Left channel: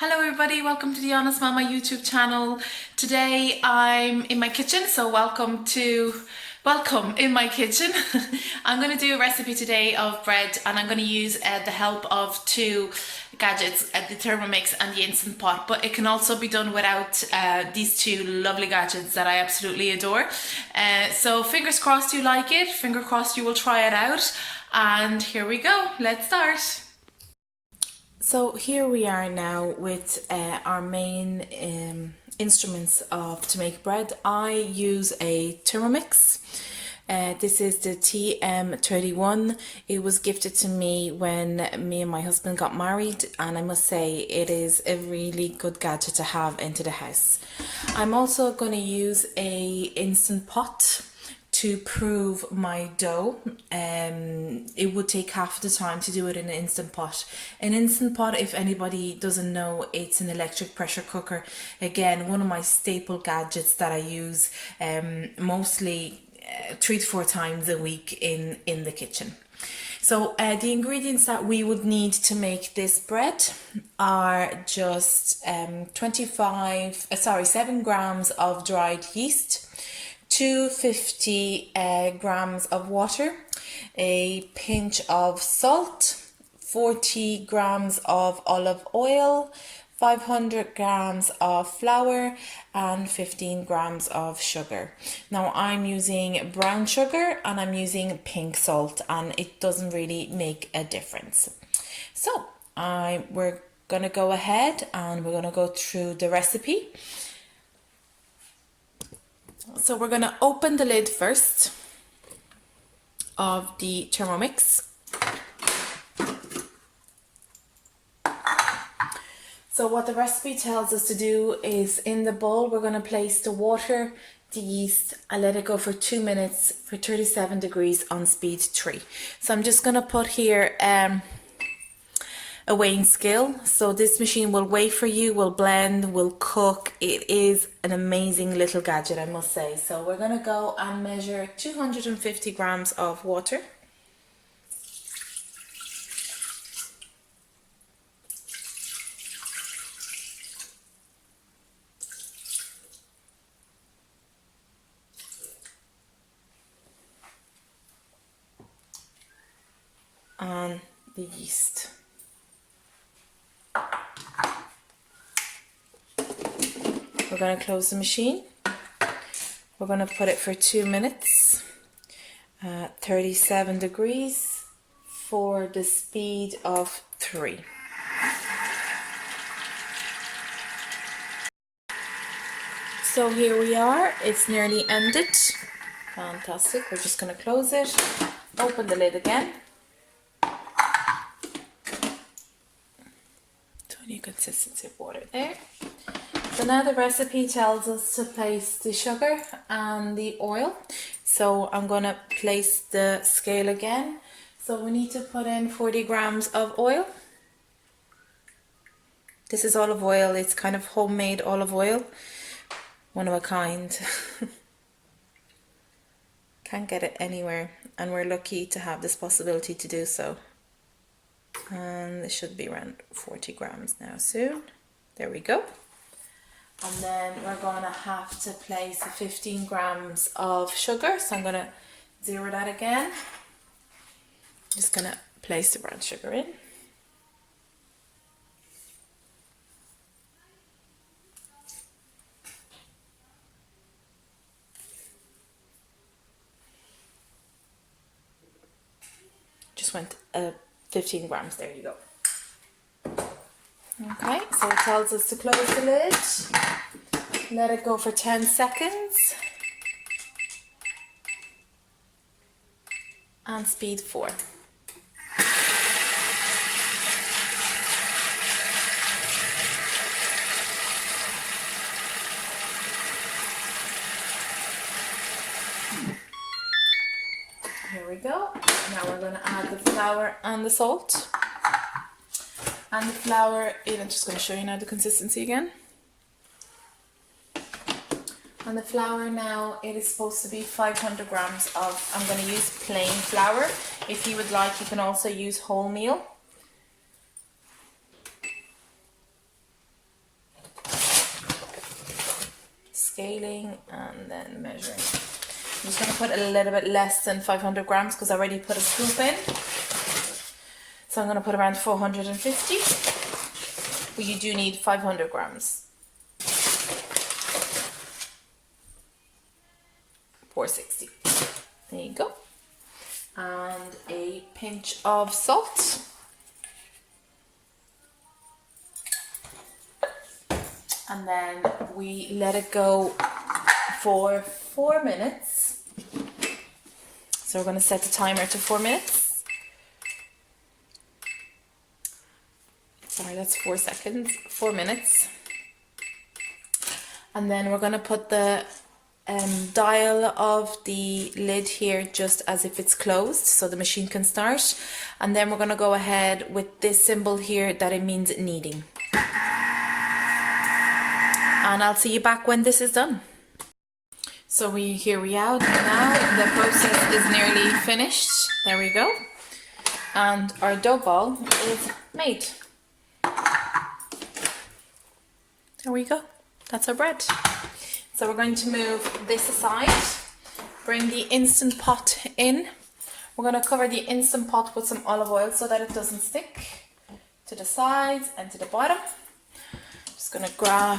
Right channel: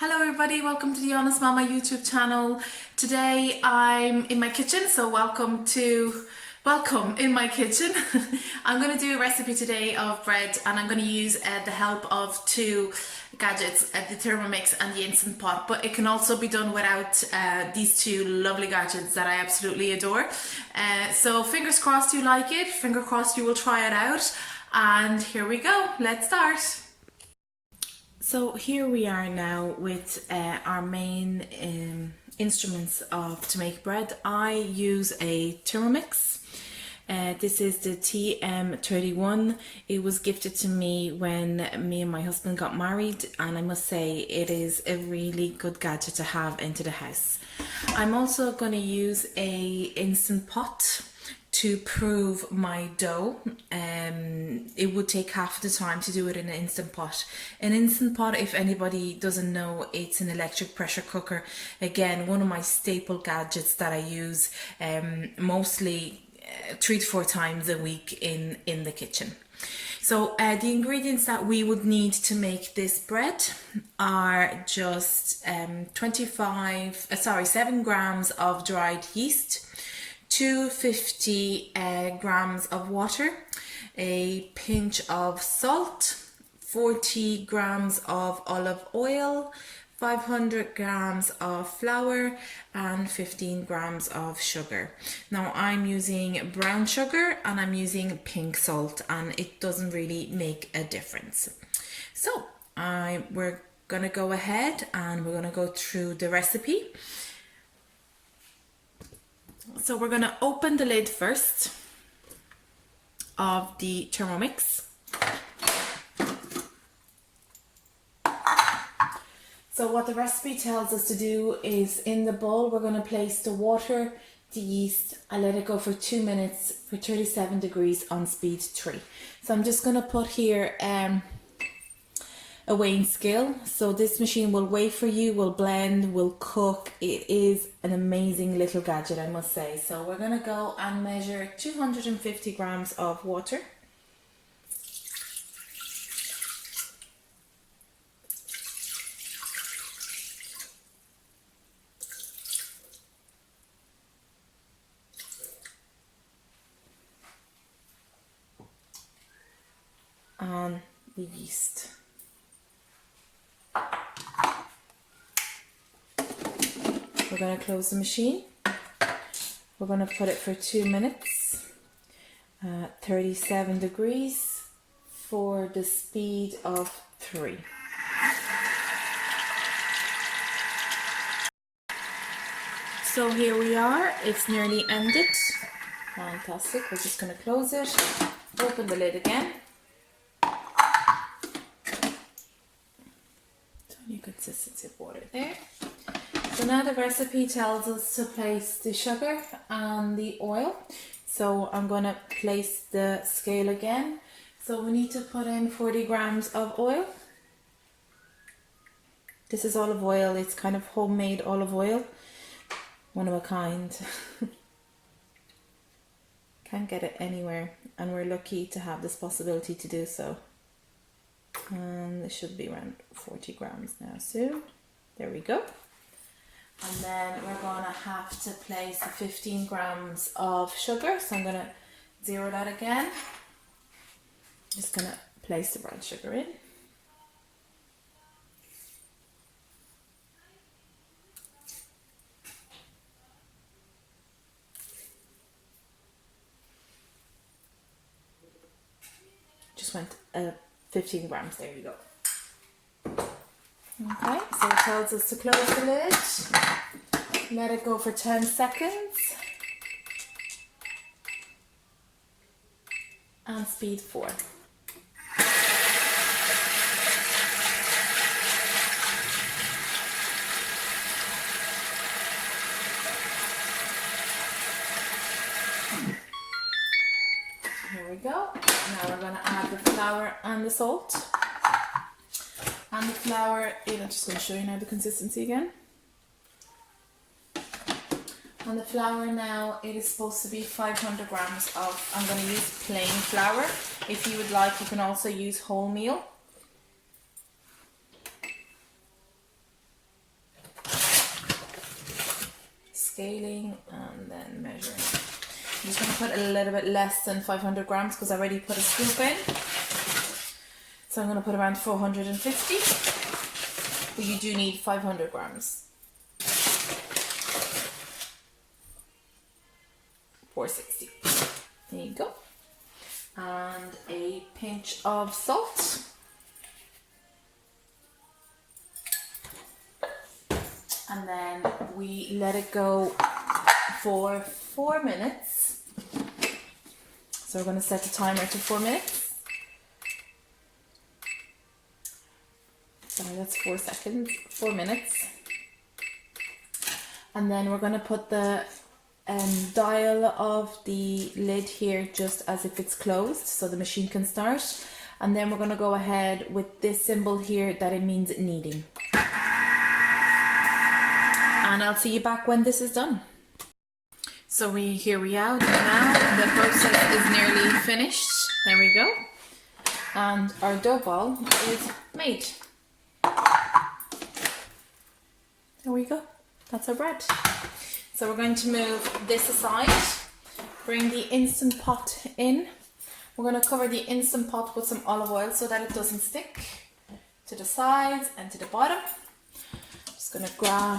Hello everybody, welcome to the Honest Mama YouTube channel. Today I'm in my kitchen, so welcome in my kitchen. I'm going to do a recipe today of bread, and I'm going to use the help of two gadgets, the Thermomix and the Instant Pot, but it can also be done without these two lovely gadgets that I absolutely adore. So fingers crossed you like it, finger crossed you will try it out, and here we go, let's start. So here we are now with our main instruments to make bread. I use a Thermomix. This is the TM31. It was gifted to me when me and my husband got married, and I must say it is a really good gadget to have into the house. I'm also going to use a Instant Pot to prove my dough. It would take half the time to do it in an Instant Pot. An Instant Pot, if anybody doesn't know, it's an electric pressure cooker. Again, one of my staple gadgets that I use mostly 3 to 4 times a week in the kitchen. So the ingredients that we would need to make this bread are just 7 grams of dried yeast, 250 grams of water, a pinch of salt, 40 grams of olive oil, 500 grams of flour, and 15 grams of sugar. Now I'm using brown sugar and I'm using pink salt, and it doesn't really make a difference. So we're gonna go ahead and we're gonna go through the recipe. So we're going to open the lid first of the Thermomix. So what the recipe tells us to do is, in the bowl we're going to place the water, the yeast, and let it go for 2 minutes for 37 degrees on speed 3. So I'm just going to put here a weighing scale. So this machine will weigh for you, will blend, will cook. It is an amazing little gadget, I must say. So we're going to go and measure 250 grams of water. And the yeast. We're going to close the machine. We're going to put it for 2 minutes, 37 degrees for the speed of 3. So here we are, it's nearly ended. Fantastic. We're just going to close it, open the lid again. Tiny consistency of water there. So now the recipe tells us to place the sugar and the oil. So I'm going to place the scale again. So we need to put in 40 grams of oil. This is olive oil. It's kind of homemade olive oil. One of a kind. Can't get it anywhere, and we're lucky to have this possibility to do so. And it should be around 40 grams now soon. There we go. And then we're going to have to place 15 grams of sugar. So I'm going to zero that again. Just going to place the brown sugar in. Just went 15 grams, there you go. Okay, so it tells us to close the lid, let it go for 10 seconds, and speed 4. Here we go. Now we're going to add the flour and the salt. And the flour, I'm just going to show you now the consistency again. And the flour now, it is supposed to be 500 grams of, I'm going to use plain flour. If you would like, you can also use wholemeal. scaling and then measuring. I'm just going to put a little bit less than 500 grams because I already put a scoop in. So I'm going to put around 450. But you do need 500 grams. 460. There you go. And a pinch of salt. And then we let it go for 4 minutes. So we're going to set the timer to 4 minutes. Sorry, that's 4 seconds, 4 minutes. And then we're going to put the dial of the lid here just as if it's closed so the machine can start. And then we're going to go ahead with this symbol here that it means kneading. And I'll see you back when this is done. So here we are now. The process is nearly finished. There we go. And our dough ball is made. There we go. That's our bread. So we're going to move this aside. Bring the Instant Pot in. We're going to cover the Instant Pot with some olive oil so that it doesn't stick to the sides and to the bottom. Just going to grab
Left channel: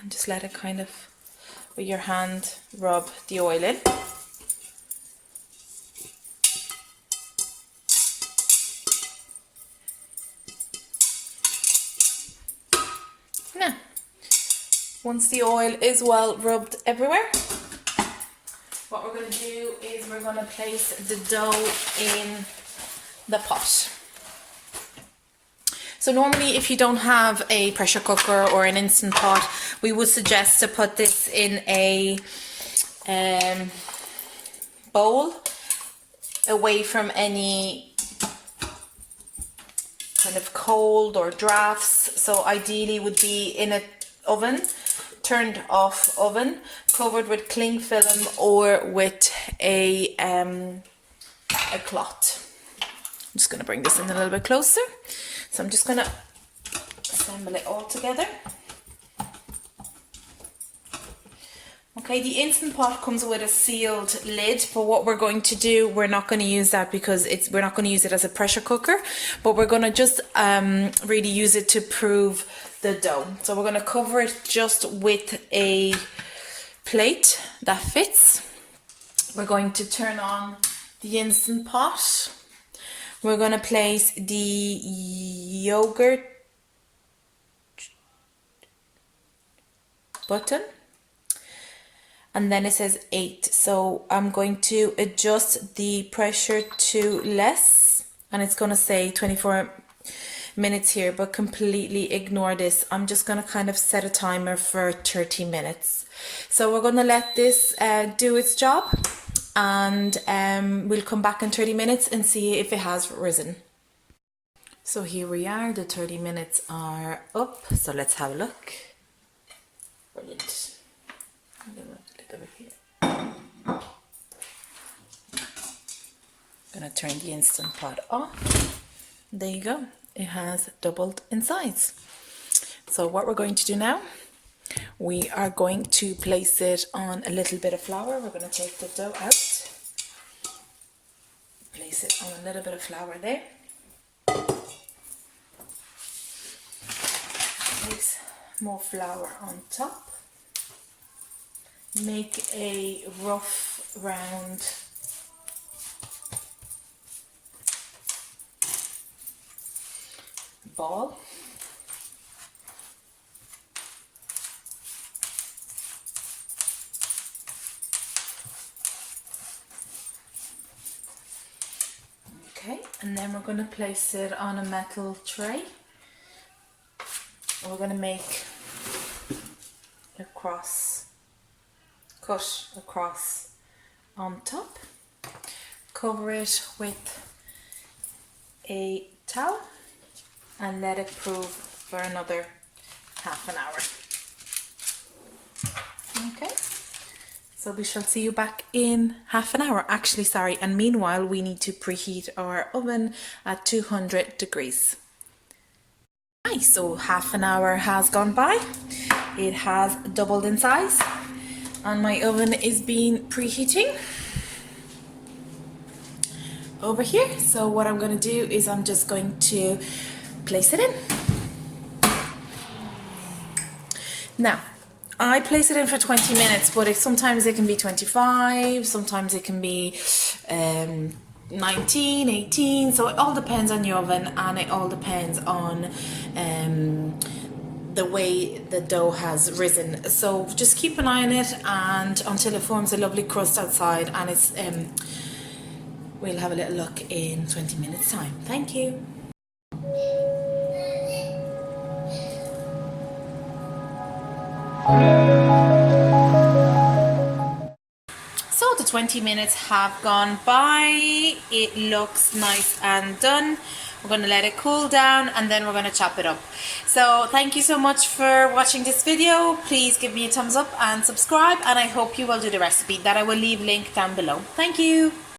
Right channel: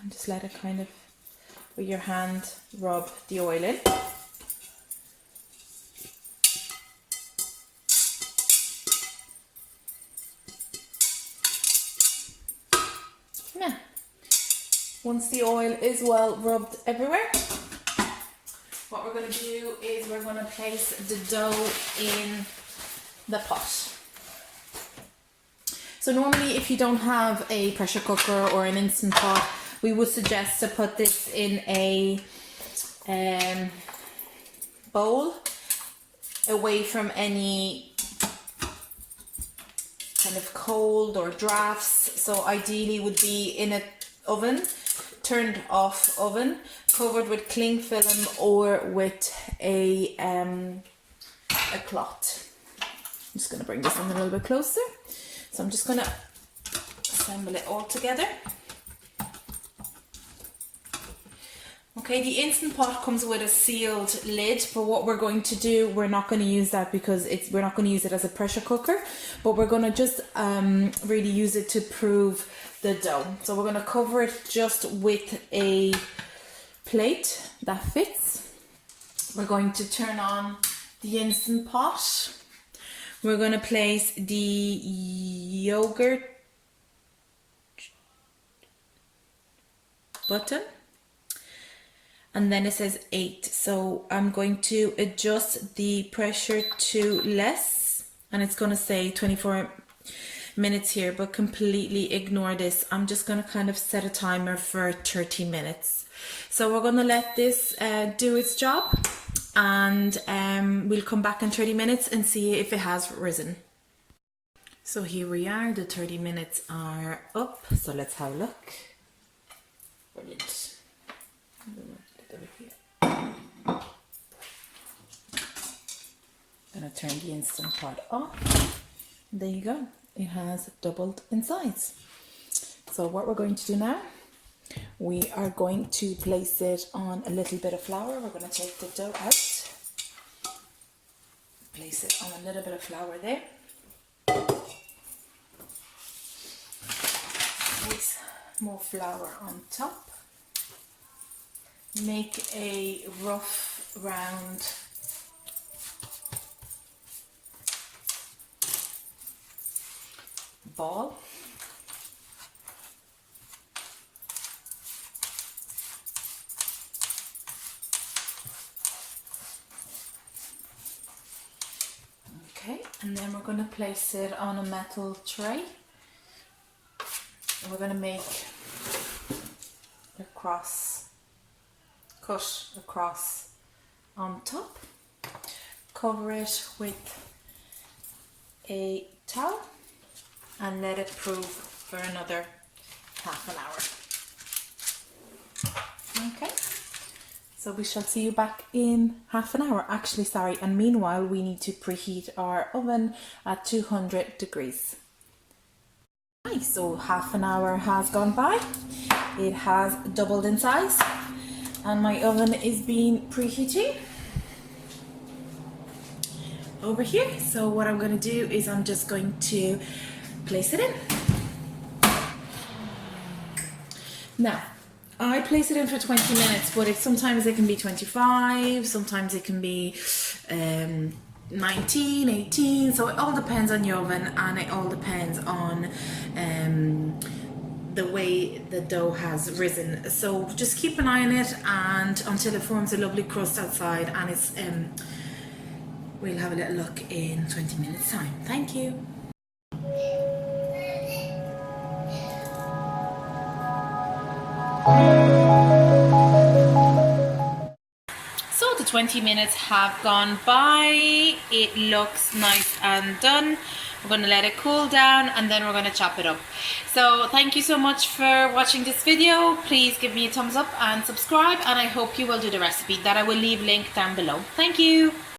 and just let it kind of, with your hand, rub the oil in. Now, once the oil is well rubbed everywhere, what we're going to do is we're going to place the dough in the pot. So normally if you don't have a pressure cooker or an Instant Pot, we would suggest to put this in a bowl away from any kind of cold or drafts. So ideally would be in an oven, turned off oven, covered with cling film or with a cloth. I'm just going to bring this in a little bit closer. So I'm just going to assemble it all together. Okay, the Instant Pot comes with a sealed lid, but what we're going to do, we're not going to use that because we're not going to use it as a pressure cooker, but we're going to just really use it to prove the dough. So we're going to cover it just with a plate that fits. We're going to turn on the Instant Pot. We're going to place the yogurt button. And then it says 8. So I'm going to adjust the pressure to less. And it's going to say 24 minutes here, but completely ignore this. I'm just going to kind of set a timer for 30 minutes. So we're going to let this do its job. And we'll come back in 30 minutes and see if it has risen. So here we are, the 30 minutes are up, so let's have a look. Brilliant. A little bit here. Gonna turn the Instant Pot off. There you go, it has doubled in size. So what we're going to do now, we are going to place it on a little bit of flour. We're going to take the dough out, place it on a little bit of flour there, place more flour on top, make a rough round ball. Okay, and then we're going to place it on a metal tray. And we're going to make a cut across on top. Cover it with a towel and let it prove for another half an hour. Okay. So we shall see you back in half an hour. Actually, sorry. And meanwhile, we need to preheat our oven at 200 degrees. Nice. So half an hour has gone by. It has doubled in size. And my oven is being preheating over here. So what I'm going to do is I'm just going to place it in. Now, I place it in for 20 minutes, but sometimes it can be 25, sometimes it can be 19, 18, so it all depends on your oven, and it all depends on the way the dough has risen. So just keep an eye on it and until it forms a lovely crust outside, and it's we'll have a little look in 20 minutes time. Thank you. So the 20 minutes have gone by. It looks nice and done. We're going to let it cool down and then we're going to chop it up. So thank you so much for watching this video. Please give me a thumbs up and subscribe, and I hope you will do the recipe that I will leave link down below. Thank you.